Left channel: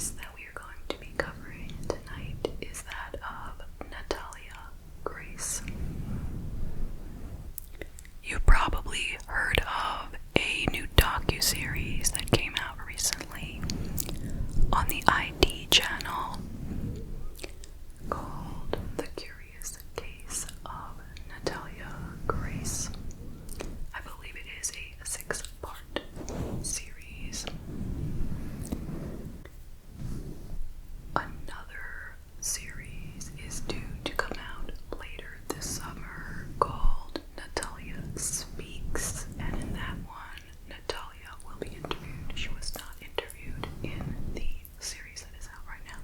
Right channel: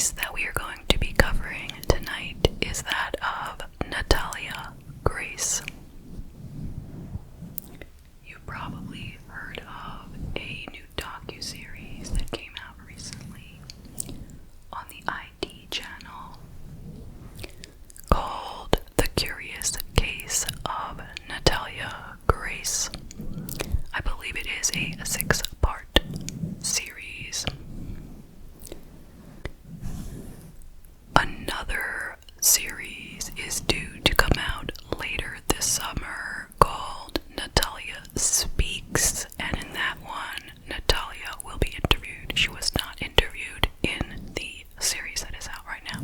case that we are going to be covering tonight is that of Natalia Grace. You probably heard of a new docuseries that came out recently on the ID channel called The Curious Case of Natalia Grace. I believe it is a 6-part series. Another series is due to come out later this summer called Natalia Speaks, and in that one, Natalia will be interviewed. She was not interviewed in the series that is out right now.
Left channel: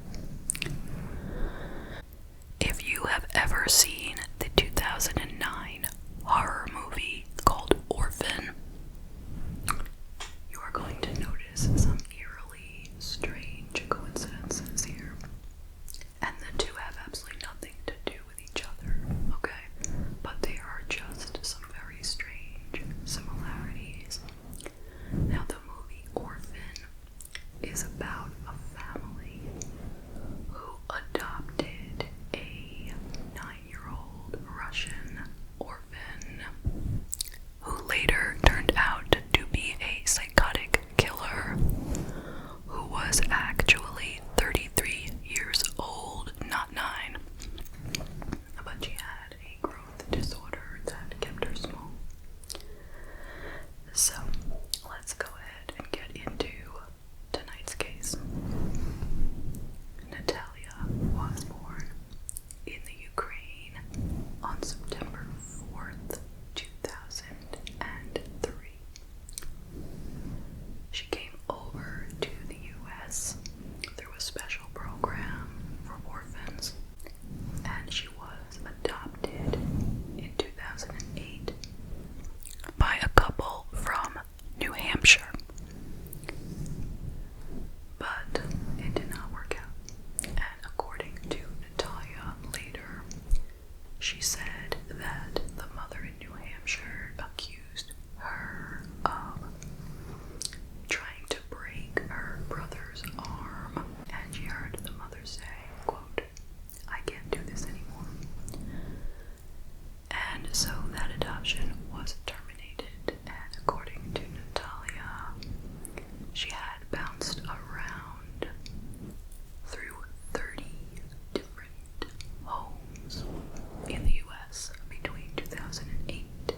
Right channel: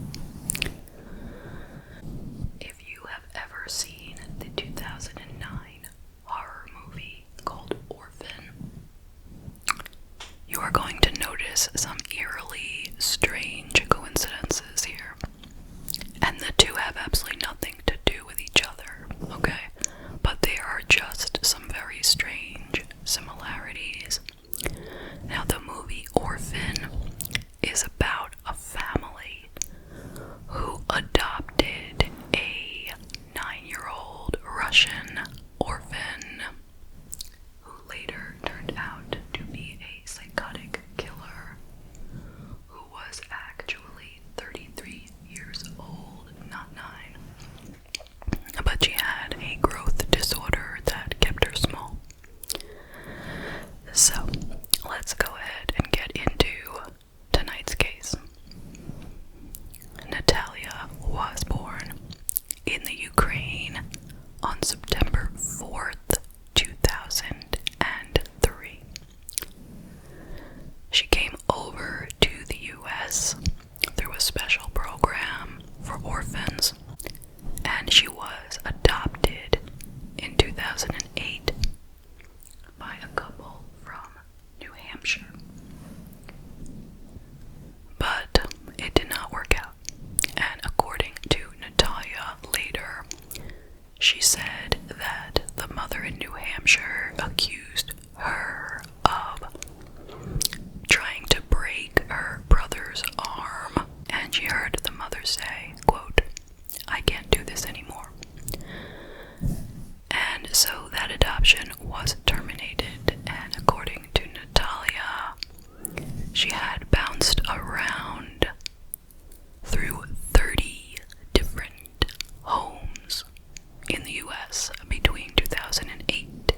If you have ever seen the 2009 horror movie called Orphan, you are going to notice some eerily strange coincidences here. And the two have absolutely nothing to do with each other, okay? But they are just some very strange similarities. Now, the movie Orphan is about a family who adopted a 9-year-old Russian orphan who later turned out to be a psychotic killer who was actually 33 years old, not 9. But she had a growth disorder that kept her small. So, let's go ahead and get into tonight's case. Natalia was born in the Ukraine on September 4th, 2003. She came over to the US through a special program for orphans, and she was adopted in 2008 by a couple from New Hampshire. But it did not work out, and according to Natalia later, she said that the mother in New Hampshire accused her of trying to break her brother's arm, and she heard the mother say, quote, "I can't do this anymore." And so that adoption was terminated, and according to Natalia, she had bounced around through 30 different homes in the US between 2008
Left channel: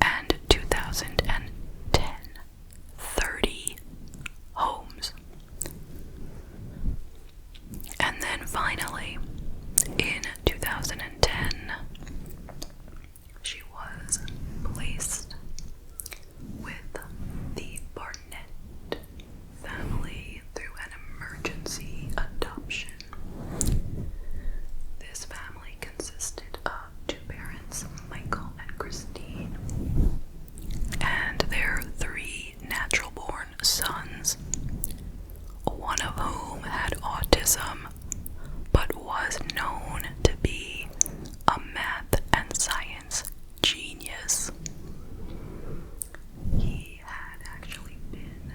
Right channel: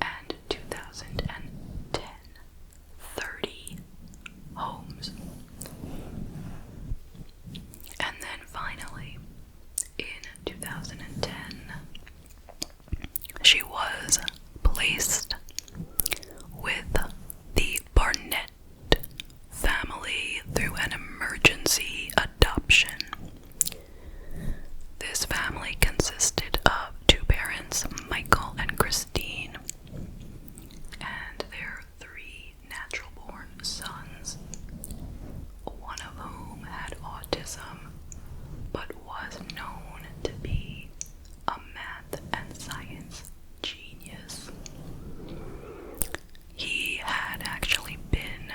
and 2010. 30 homes. And then finally, in 2010, she was placed with the Barnett family through an emergency adoption. This family consisted of 2 parents, Michael and Christine, and their 3 natural-born sons, one of whom had autism, but was known to be a math and science genius. He had actually been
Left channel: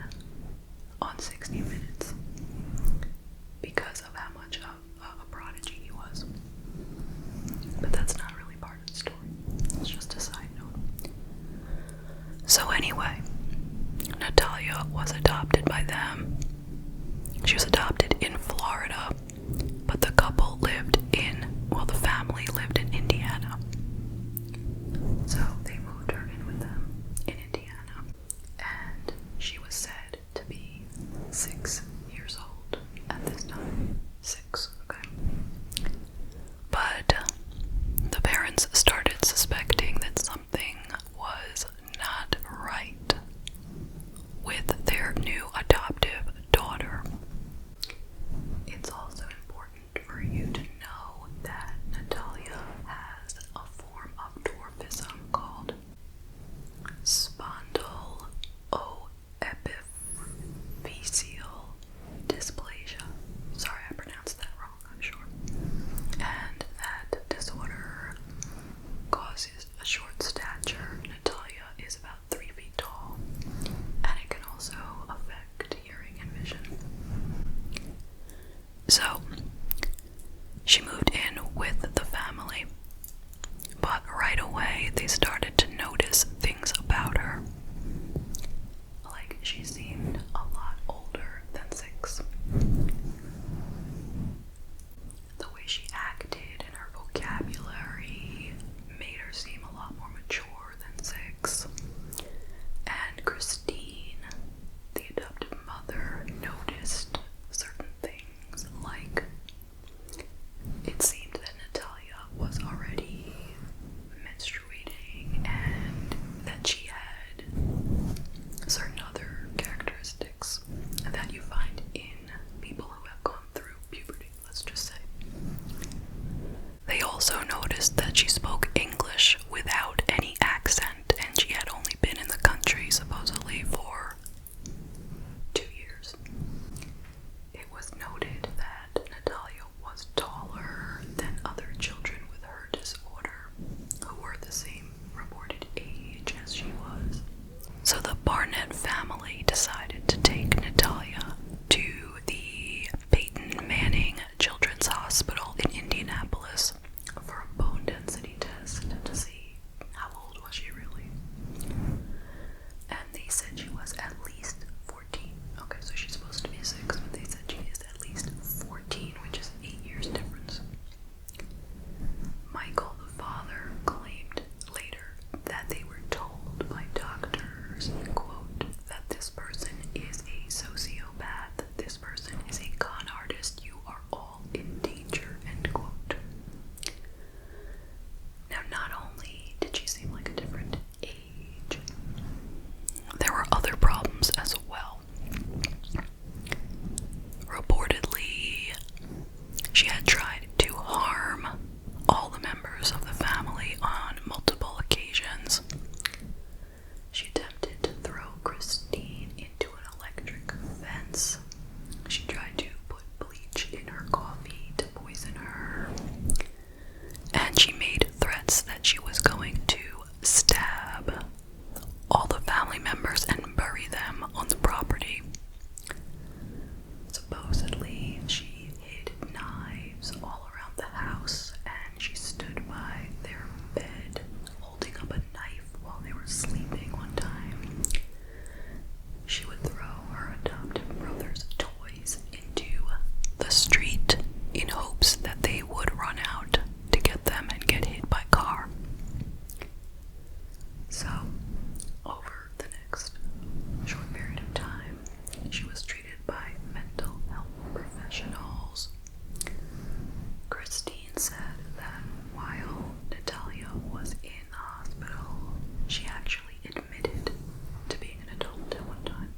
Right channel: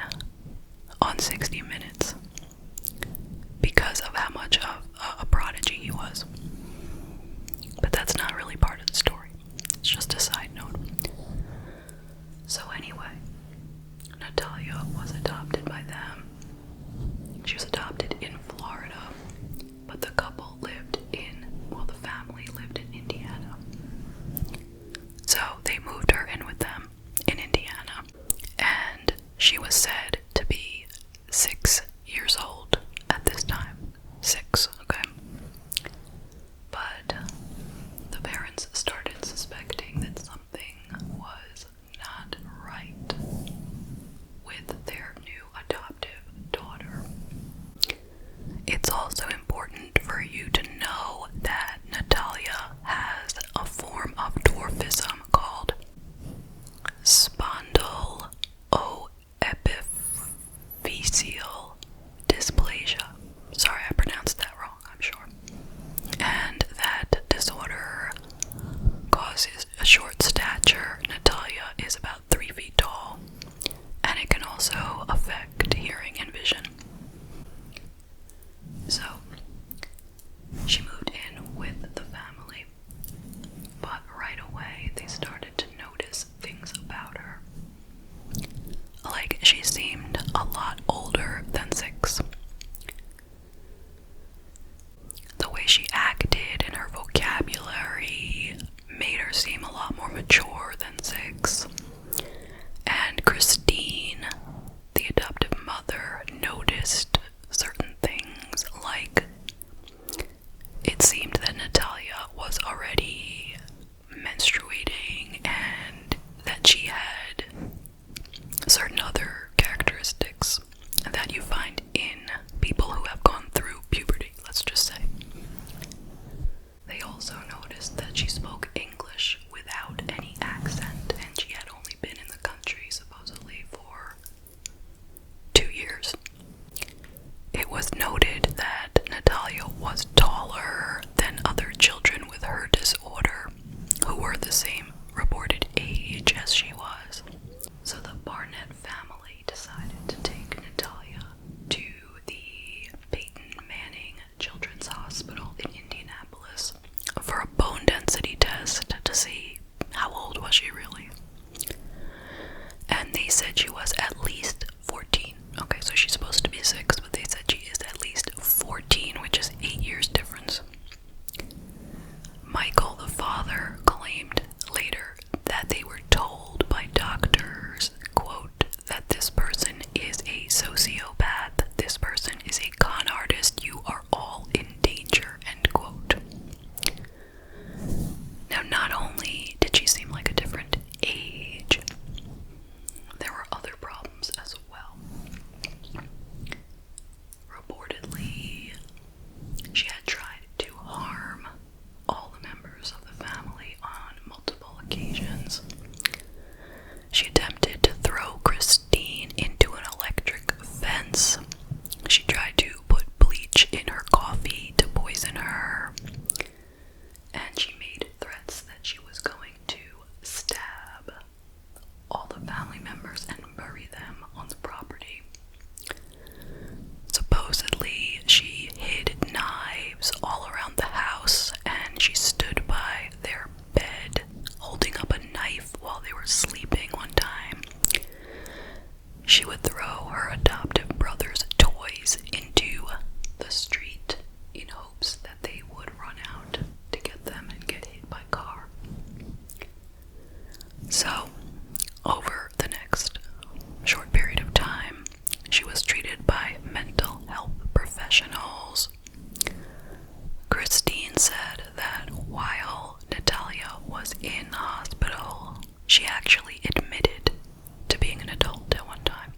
on 60 Minutes because of how much of a prodigy he was. But that's not really part of the story. It's just a side note. So anyway, Natalia was adopted by them. She was adopted in Florida, but the couple lived the family lived in Indiana. So they moved her in with them in Indiana, and she was said to be 6 years old at this time. 6, okay? But the parents started suspecting that something was not right with their new adoptive daughter. It's also important for you to know that Natalia has a form of dwarfism called spondyloepiphyseal mother noticed certain things, like it seemed that Natalia was already menstruating and that she had certain other characteristics that you find in people who have gone through puberty, let's just say. They also noticed that she spoke English without any accent, and she had only been in the country supposedly for 2 years. It was noted that Natalia was taller than other children with her disorder who were the same reported age as she was. So the Barnett family decided to take Natalia to the Peyton Manning Children's Hospital in Indianapolis for a bone density test to see how old was she really. And they said she was at least 14. Okay, so she's supposed to be 6, but they said she is at least 14, which is 8 years difference. Michael, the father, claimed later that they were told by doctors, quote, that this person is a sociopath, this person is a con artist, you are all in danger, end quote. Now, not only did she seem like a different age, there were other problems as well. Reportedly, she had tried to harm all the members of the family on multiple occasions. She attempted to throw Christine into an electric fence. She tried to put bleach in her coffee to poison her. And she made threats that she was going to stab all the family members and bury them on the property. Supposedly, she hid knives all around the house, and she stood by their bed holding up a knife while they were sleeping one time. She would throw her adoptive brother's toys into the street in hopes that they would run out to get them and get hit by car. So, over the next short period of time, she was treated by mental health professionals. Christine said that while Natalia was in the hospital, she actually admitted to being an adult at one time.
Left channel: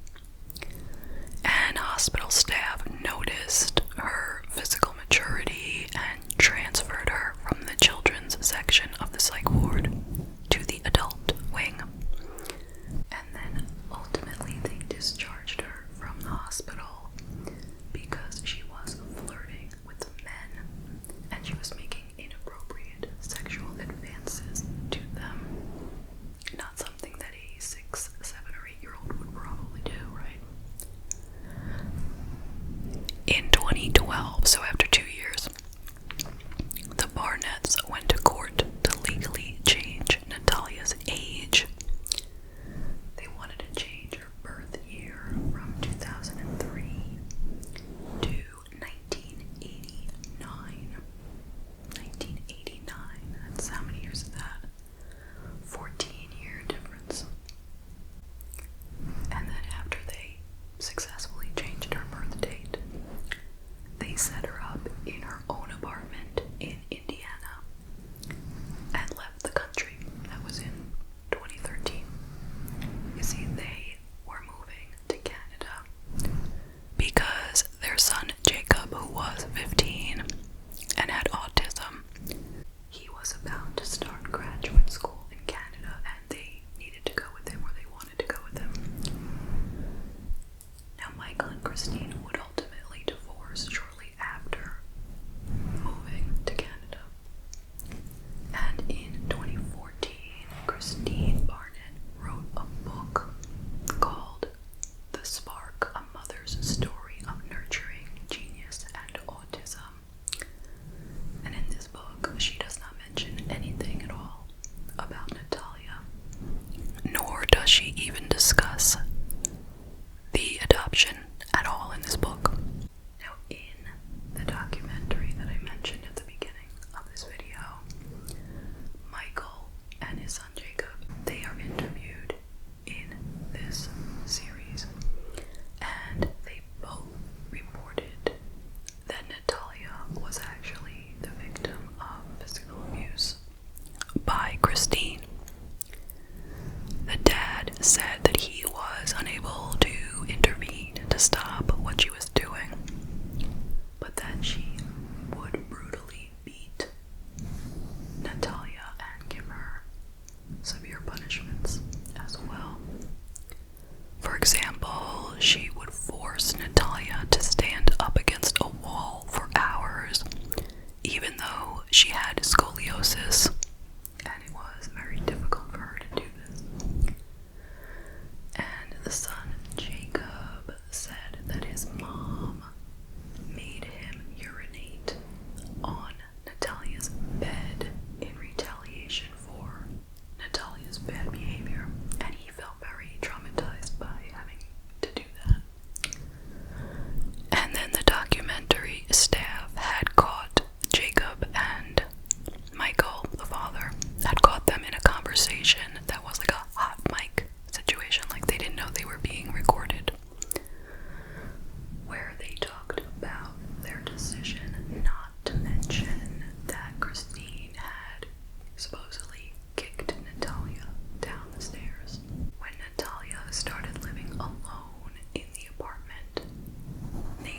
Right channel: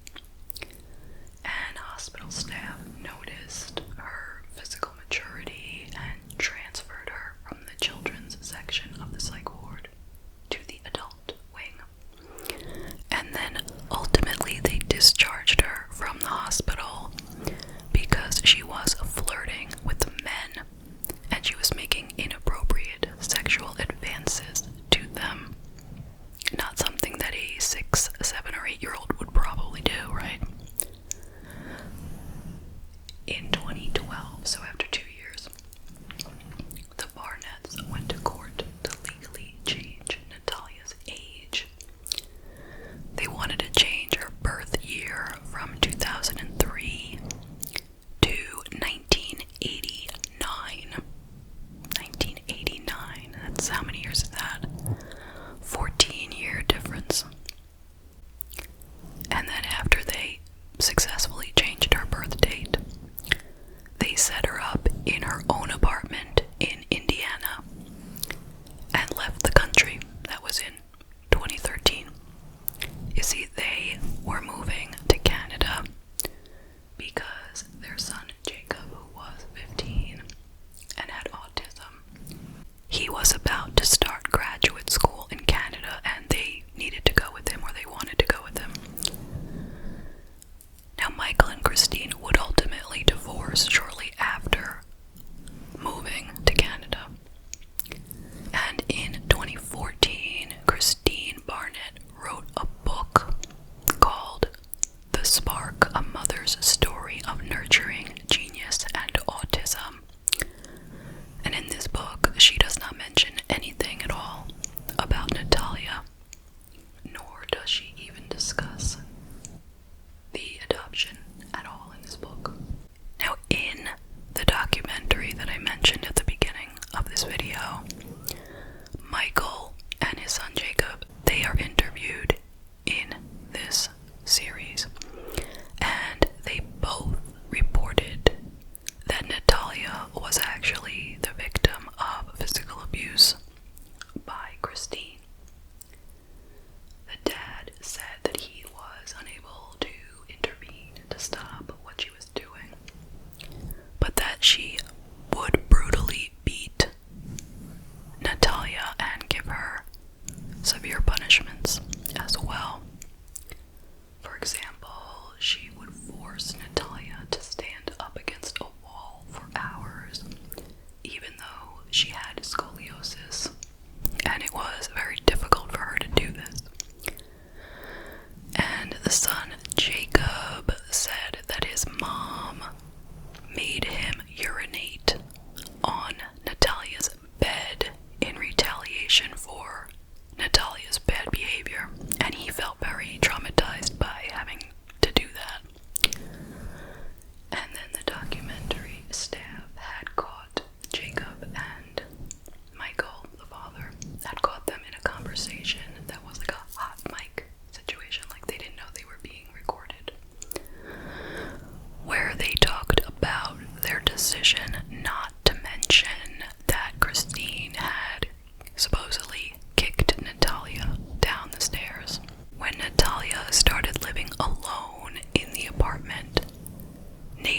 And hospital staff noticed her physical maturity and transferred her from the children's section of the psych ward to the adult wing. And then ultimately they discharged her from the hospital because she was flirting with men and she was making inappropriate sexual advances to them. Not something that a 6, 7, or 8-year-old would probably do, right? In 2012, so after 2 years, the Barnetts went to court to legally change Natalia's age. They wanted to change her birth year from 2003 to 1989. 1989, that's how many years is that? 14-year difference. And then after they successfully changed her birth date, they set her up in her own apartment in Indiana and left the country. That was in 2013. You see, they were moving to Canada because their son Jacob, who was 15 and had autism, he was about to start graduate school in Canada and they needed to go with him, or they wanted to go with him. Now, Michael and Christine would ultimately divorce shortly after moving to Canada. And in 2014, Christine Barnett wrote a book called The Spark, A Mother's Story of Nurturing Genius and Autism. And in this book, she does not mention anything at all about Natalia, nor does she even discuss the adoption at all in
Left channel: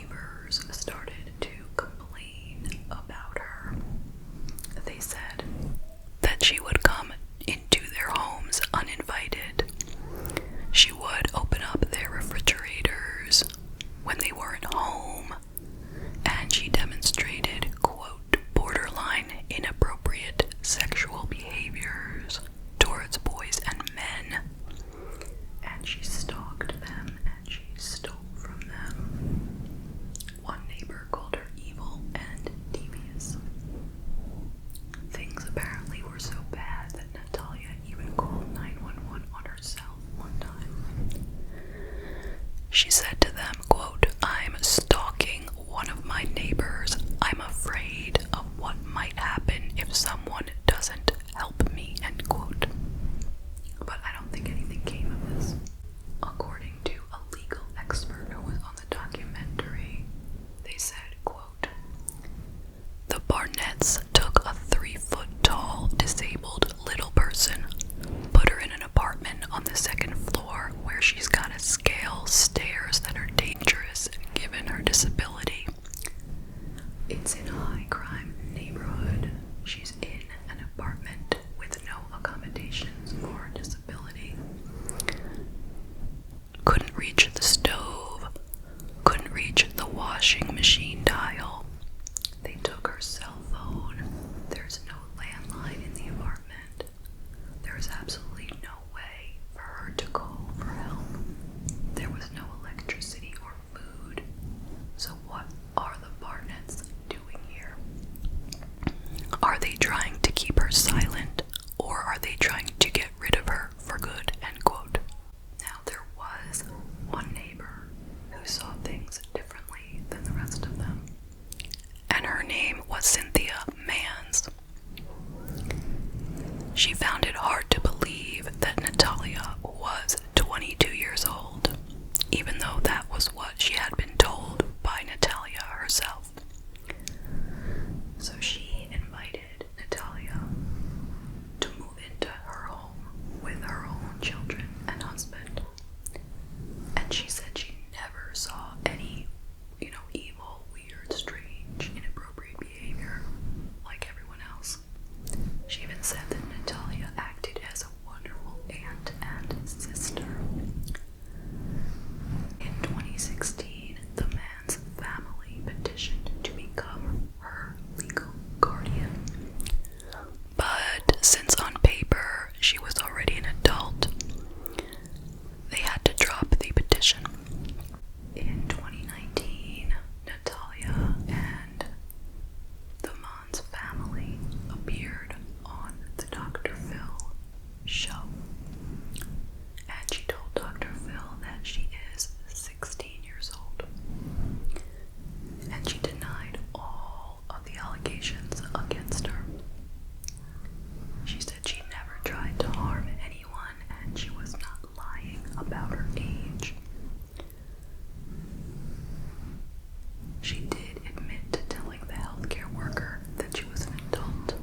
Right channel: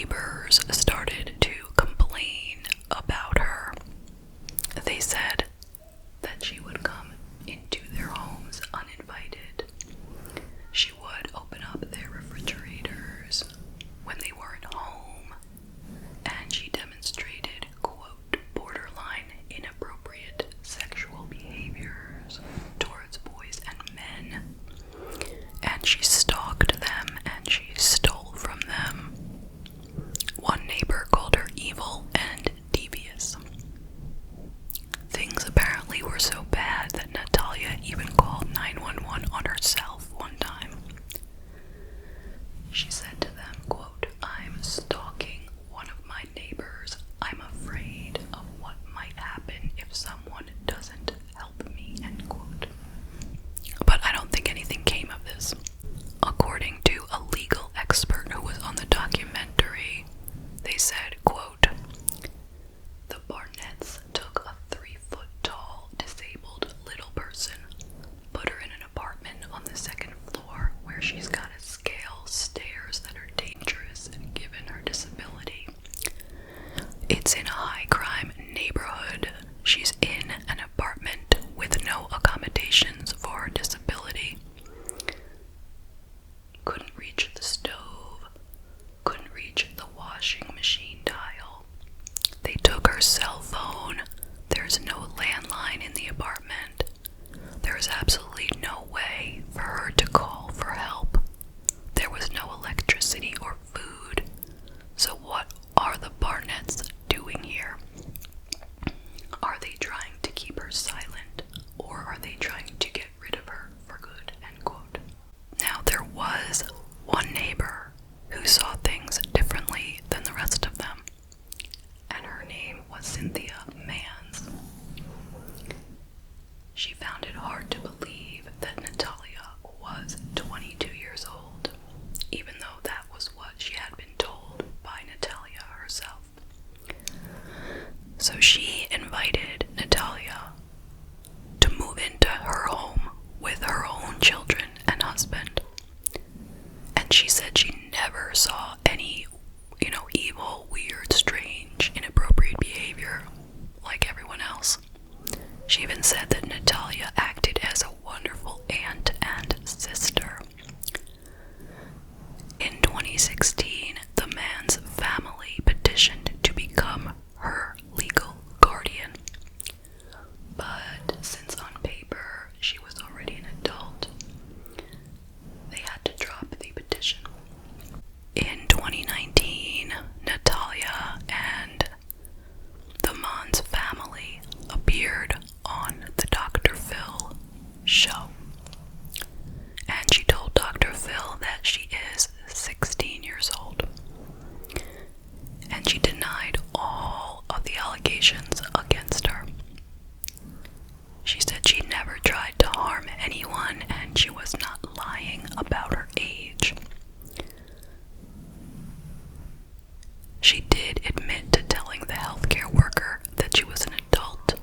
neighbors started to complain about her. They said that she would come into their homes uninvited. She would open up their refrigerators when they weren't home, and she demonstrated, quote, borderline inappropriate sexual behaviors towards boys and men, and she stalked them and she stole from them. One neighbor called her evil and devious. Things apparently were so bad that Natalia even called 911 on herself one time. She said to them, quote, I'm stalking one of my neighbors. I'm afraid of what might happen if someone doesn't help me, end quote. But I don't think anything came of this. According to a legal expert who was on the documentary, they said, quote, the Barnetts took a 3-foot-tall, disabled little person, put her in an apartment on the 2nd floor where she's got to scale stairs that are dangerous and given her disability. It's in a high-crime neighborhood. She's in an apartment with no accommodations for her disability. Couldn't reach the stove, couldn't reach the washing machine dial. They took her cell phone. There's no landline in the apartment. There was absolutely no way for her to call for help. There was no electricity or food. So what are the Barnetts doing here? Are they trying to keep her silent, or are they trying to get rid of her for good, end quote. Now, there was one neighbor who saw things differently than the rest of them, and her name was Cynthia Mans. She found it hard to believe that Natalia was 22 years old, even though that was what she had been told by Natalia herself. So she invited Natalia to move into her home with her own children and husband. And she said she never saw any, evil, weird, strange, inappropriate behavior like everyone else. She even said that Natalia acted as a wonderful aunt and sister. In 2016, the man's family petitioned to become her legal guardian. But since on paper she was already an adult, they had to drop the petition. In 2019, Natalia and the Mans family appeared on the Dr. Phil show. And she told Dr. Phil that she is 16 years old. And she denied all of the allegations against her. She said she never tried to harm anyone and she was not lying about her age. She did admit to telling the healthcare worker that she was an adult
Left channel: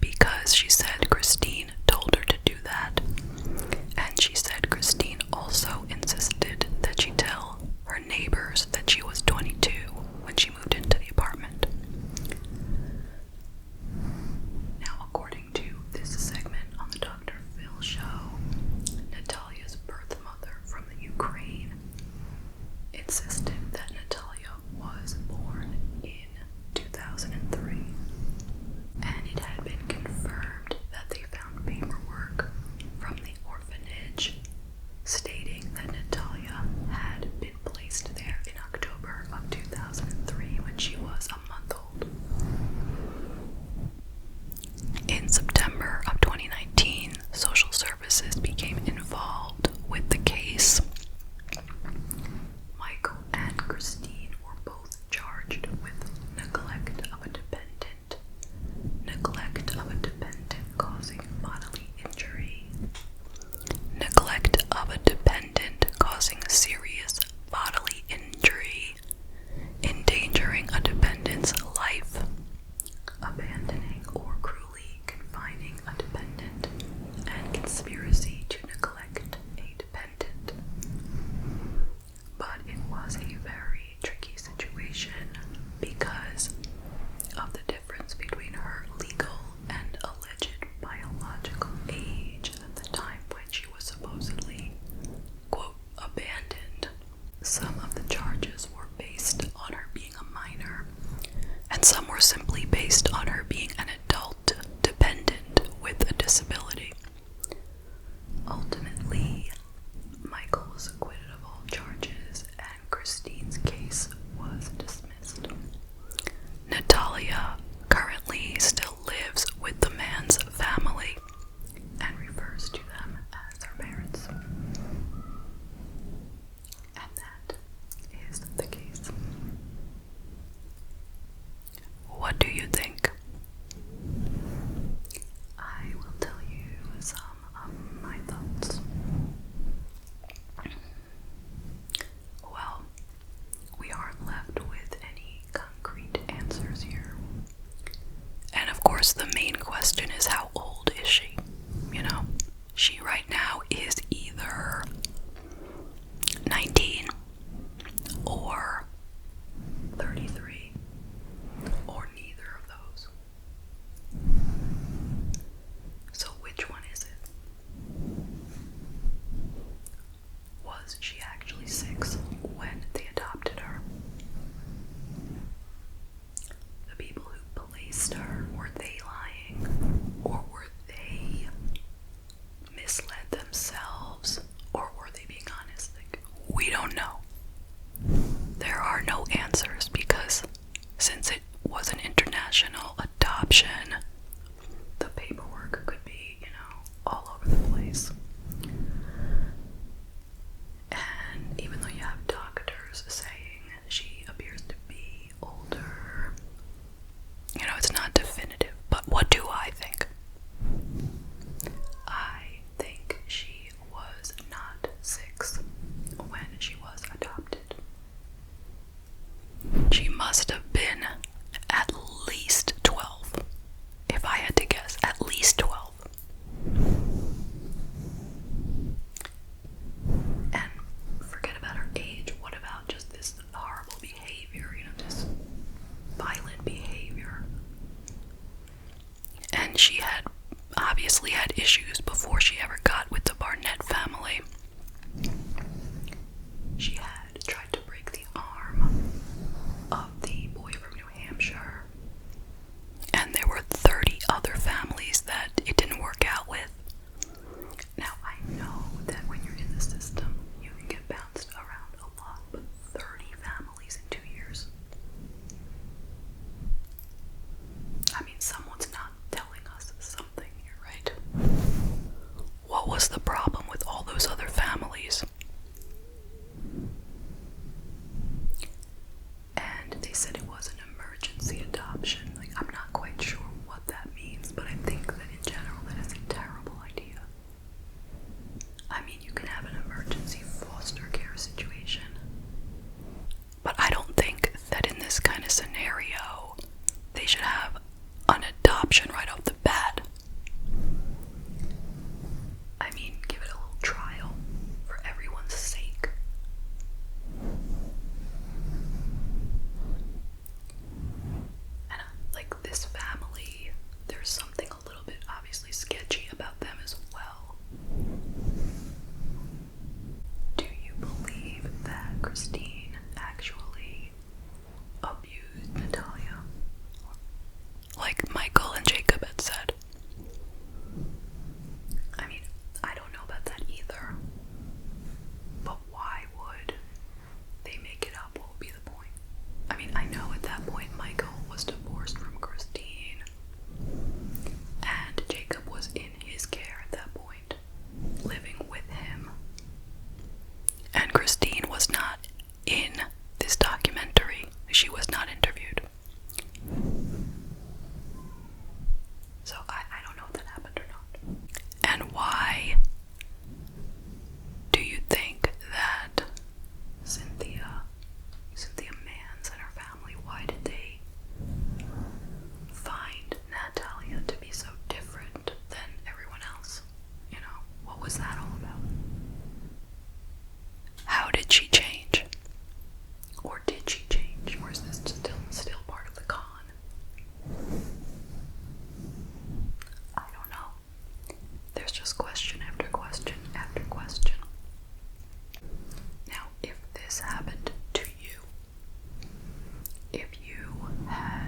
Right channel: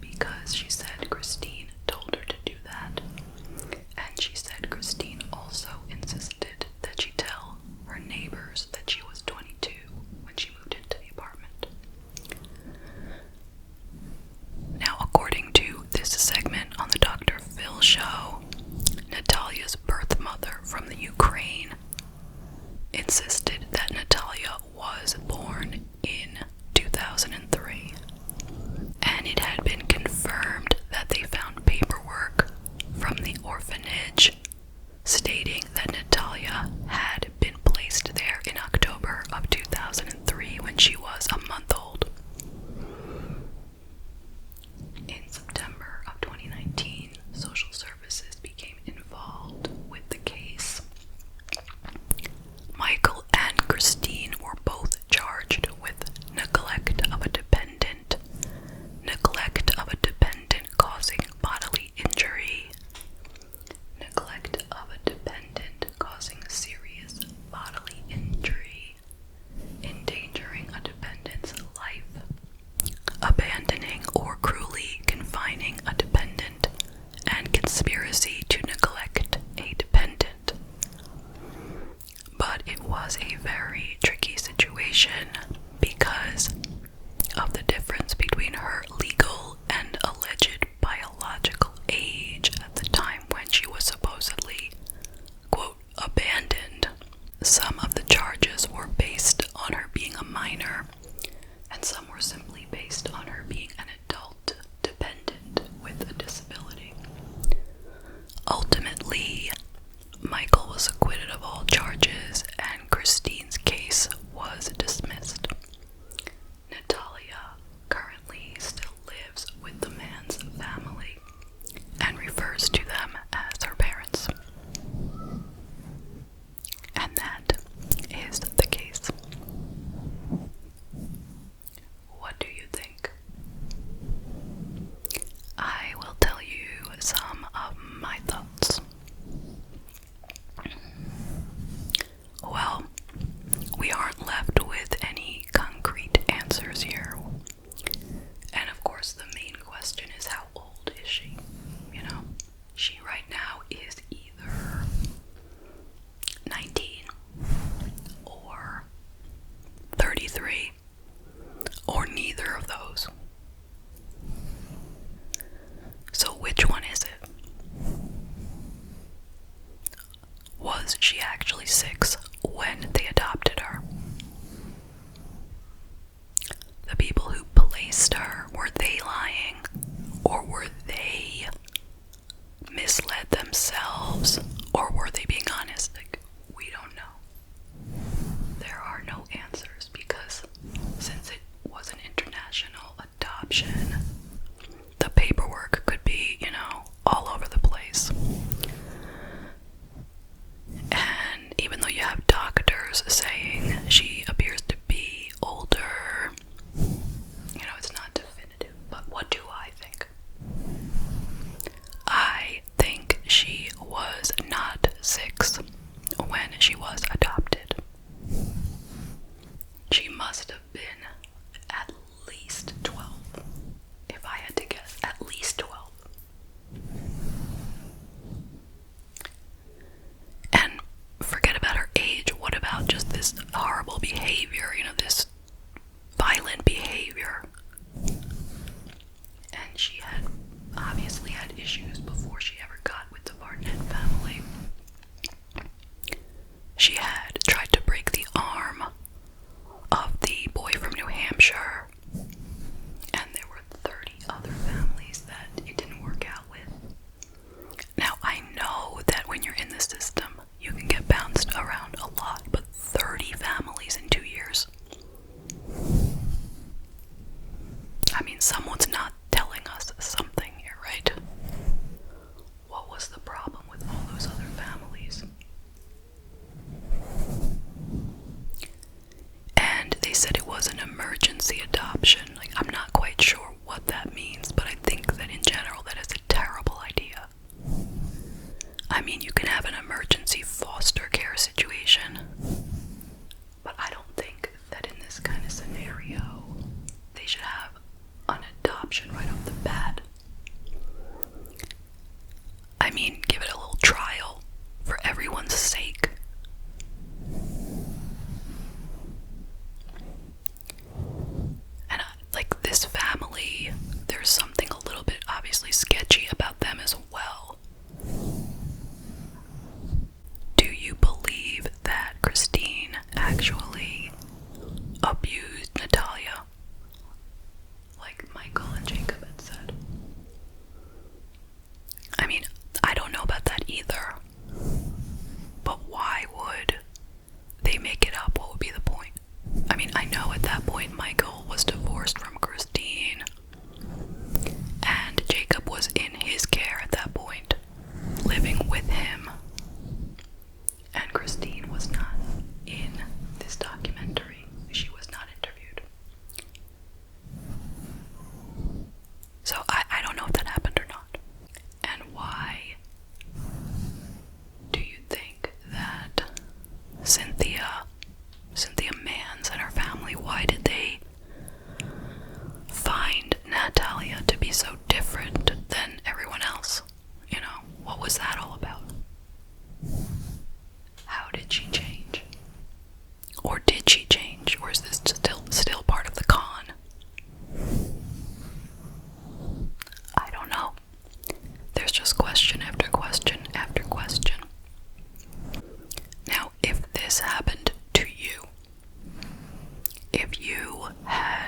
because she said Christine told her to do that. And she said Christine also insisted that she tell her neighbors that she was 22 when she moved into the apartment. Now, according to this segment on the Dr. Phil show, Natalia's birth mother from the Ukraine insisted that Natalia was born in 2003. And it had been confirmed that they found paperwork from the orphanage stating that Natalia had been placed there in October of 2003 when she was a month old. In September of 2019, social services became involved with the case. Michael and Christine were both charged with neglect of a dependent causing bodily injury, neglect of a dependent causing serious bodily injury, endangering a dependent's life, abandoning or cruelly confining a dependent, and conspiracy to neglect a dependent. But it was a very tricky situation because of the difference between her legal and alleged biological age at the time when she was supposedly, quote, abandoned. Some of the charges were based on her being a minor, and some were simply based on her being an adult dependent with a disability. Ultimately, Michael was acquitted of all charges, and Christine's case was dismissed. Natalia currently still lives with the man's family and refers to them as her parents. And that is the case. What do you think? I will tell you some of my thoughts. Well, we aren't left with any concrete answers here. And of course, the main question is, how old is she? You know, she right now is either 19 or 33 or neither of those. So which one is it? Was she actually 6 when they adopted her? The people who placed her, were they lying? Or were they misled themselves? Or were they being honest? Like, we don't know. There are no answers because since it was an international adoption, the paperwork could be, all over the place. And even though you have doctors saying she appears to be older, it's not definitive. But what do I think? I think she was not 6 when she was adopted. She must have been at least 12. If I had to guess, at least 12. And forget about her age. What about just this horrible behavior, this violent behavior? And she had obviously had issues before she ever got with the Barnett family. She had tried to break the arm of the boy from New Hampshire, and there were 30 other families that it didn't work out with. Now, I know that when you're in the system, you can get bounced around a lot, but 30 families in 2 years? I mean, someone's not telling us something here, right? What was the problem with all those other families? And they said it was an emergency adoption. Like, I'm not quite sure what that means, but I think that in general that is a terrible idea. I mean, you can have an emergency foster care situation, but I don't think that in this kind of scenario they should have an adoption right off the bat. I mean, give it a little trial for everyone's sake. And like this family, there's something a little bit obviously sketchy about them as well. Do you believe that Christine actually abused Natalia, like Michael and Jacob had said? I mean, I don't know about that either. But why would they make it up? What would be the point? I mean, I know at that point Michael was divorced from Christine, and Jacob was in his care at that point, living with him. And Christine was not in this documentary. She was not interviewed. So I don't know if that happened or not. And why do you think that Cynthia Mans and her family, why did they find Natalia to be so different than everyone else? What was that all about? How did she change? Or did she change? Or is this if you had